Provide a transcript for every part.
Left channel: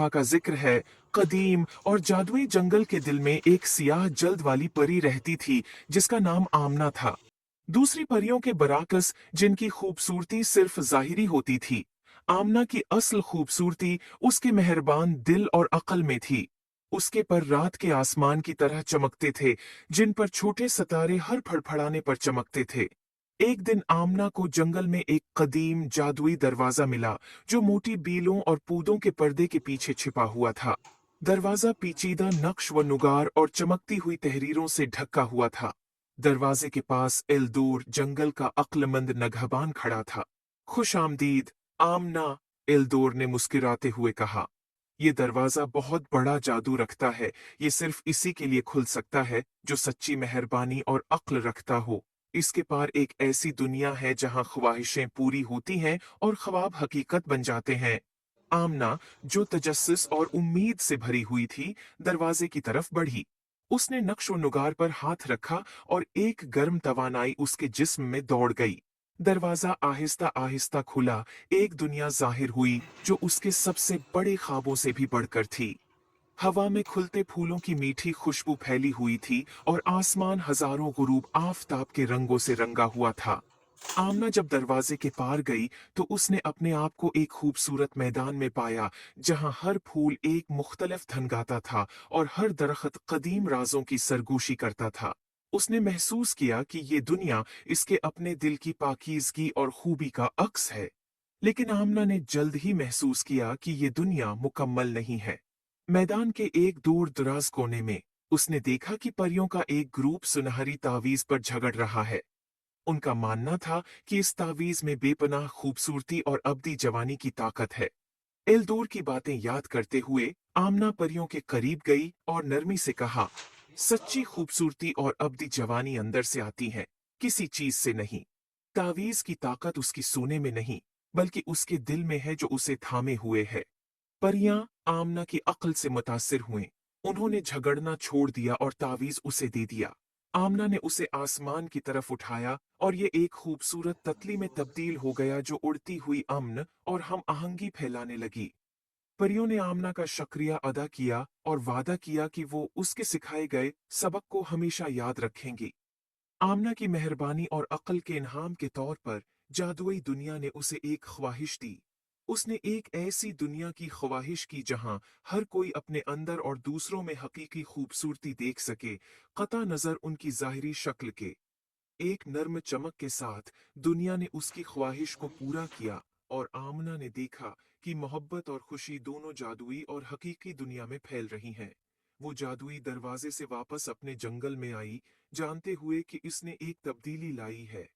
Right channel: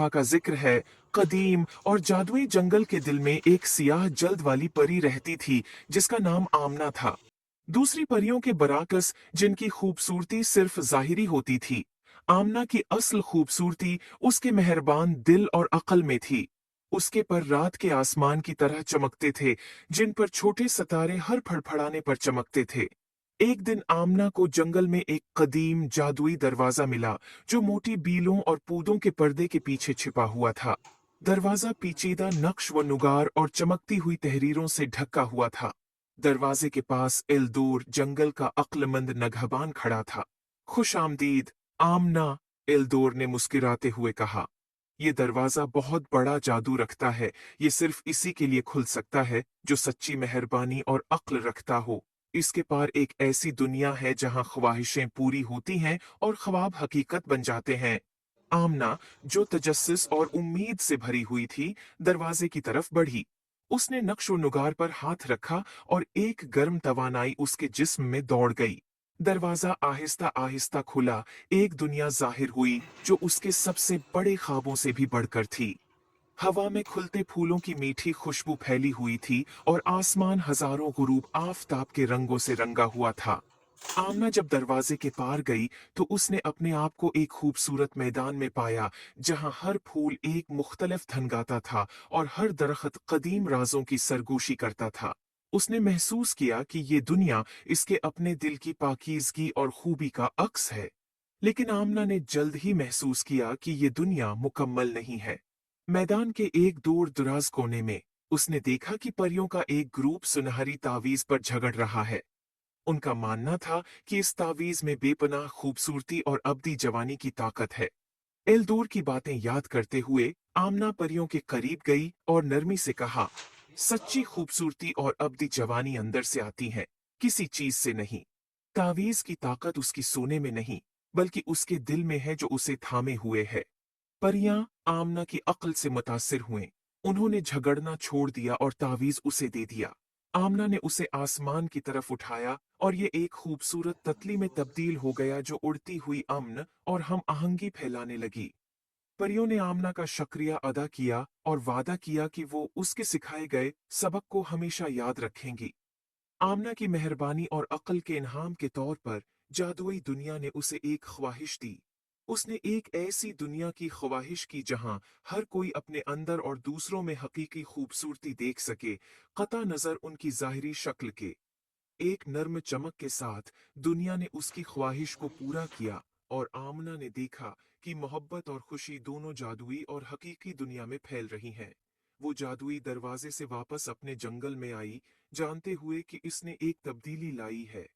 दफा का जिक्र है। कदीम और जादुई जंगल के दिल में एक सियाह जल्द वाली परी रहती थी जिसका नाम आमना था। दूसरी परियों के बराकस, जिनकी खूबसूरती सिर्फ जाहिरी होती थी, आमना की असल खूबसूरती उसके मेहरबान दिल और अक्ल में थी। उसके पर रात के आसमान की तरह चमकते थे, जिन पर छोटे सितारे हर फड़फड़ाने पर चमकते थे। एक दिन आमना को जंगल में एक कदीम जादुई दरवाजा मिला, जो मोटी बीलों और पूदों के पर्दे के पीछे छिपा हुआ था। दरवाजा पेचीदा नक्श व नुगार और चमकती हुई तहरीरों से ढका हुआ था। दरवाजे के पास एल्दोर जंगल का अक्लमंद नगहबान खड़ा था। खुश आमदीद आमना, एल्दोर ने मुस्कुराते हुए कहा। ये दरवाजा बहुत बड़ा जादू रखता है। ये सिर्फ इसी के लिए खुल सकता है जो सच्ची मेहरबानी और अक्ल रखता हो। इसके पार एक ऐसी दुनिया है जहां ख्वाहिशें पूरी होती हैं और ख्वाब हकीकत बन जाते हैं। आमना, जो तजस्सुस और उम्मीद से भरी हुई थी, दरवाजे की तरफ बढ़ी। उसने नक्शो नुगार पर हाथ रखा और एक गर्म तवानाई उसके जिस्म में दौड़ गई। दरवाजा आहिस्ता आहिस्ता खुला। एक दुनिया जाहिर हुई जो उसके सबसे बड़े ख्वाबों से भी बढ़कर थी। हवा में खुलते फूलों की मीठी खुशबू फैली हुई थी और आसमान हजारों गुरूब आफताब के रंगों से रंगा हुआ था। आमना जब दरवाजे के पार गई तो उसने अपने आप को एक खूबसूरत मैदान में पाया, जहां हर फूल एक मुख्तलिफ धन गाता था और हर दरख्त कदीम राजों की सरगोशी करता था। उसने महसूस किया कि ये दुनिया इसके अपने दिल की पाकीज़गी और खूबी का अक्स है। लेकिन आमना ने जल्द ही महसूस किया कि ये दुनिया मुकम्मल नहीं है। मैदान के एक दूर दराज कोने में उसने देखा कि परियों का एक ग्रुप सुनहरी तावीज पर झगड़ रहा है। उनका मानना था कि इस तावीज में बेपनाह खूबसूरती और अब्दी जवानी की ताकत है। एल्दोर की बातें याद करते हुए आमना परियों के करीब गई और नरमी से कहा, सच्ची खूबसूरती और अब्दी जवानी अंदर से आती है, किसी चीज से नहीं। तावीज की ताकत उसकी सोने में नहीं, बल्कि उसके दिल में है जो उसे थामे हुए है। परियां आमना की अक्ल से मुतासिर हुईं। उन्होंने झगड़ना छोड़ दिया और तावीज उसे दे दिया। आमना ने उसे आसमान की तरफ उठाया और ये एक खूबसूरत ततली में तब्दील हो गया जो उड़ती हुई अमन और हम आहंगी फैलाने लगी। परियों ने आमना का शुक्रिया अदा किया और वादा किया कि वो उसके सिखाए गए सबक को हमेशा याद रखेंगी। आमना की मेहरबानी और अक्ल के इनाम के तौर पर जादुई दुनिया ने उसे एक ख्वाहिश दी। उसने एक ऐसी दुनिया की ख्वाहिश की जहां हर कोई अपने अंदर और दूसरों में हकीकी खूबसूरती देख सके, कता नजर उनकी जाहिरी शक्ल के। एक नर्म चमक के साथ दुनिया ने उसकी ख्वाहिश को पूरा किया और आमना ने देखा कि मोहब्बत और खुशी दोनों जादुई और हकीकी दुनिया में फैल रही हैं। वो जादुई दरवाजे से वापस अपने जंगल में आई, जानते हुए कि इसने एक तब्दीली लाई है।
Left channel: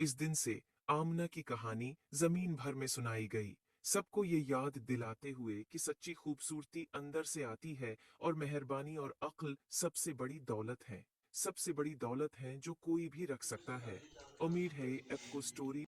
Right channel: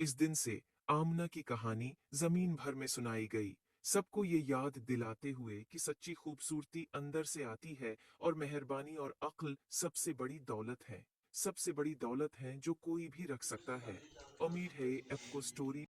इस दिन से आमना की कहानी जमीन भर में सुनाई गई, सबको ये याद दिलाते हुए कि सच्ची खूबसूरती अंदर से आती है और मेहरबानी और अक्ल सबसे बड़ी दौलत है। सबसे बड़ी दौलत है जो कोई भी रख सकता है। उम्मीद है आपको स्टोरी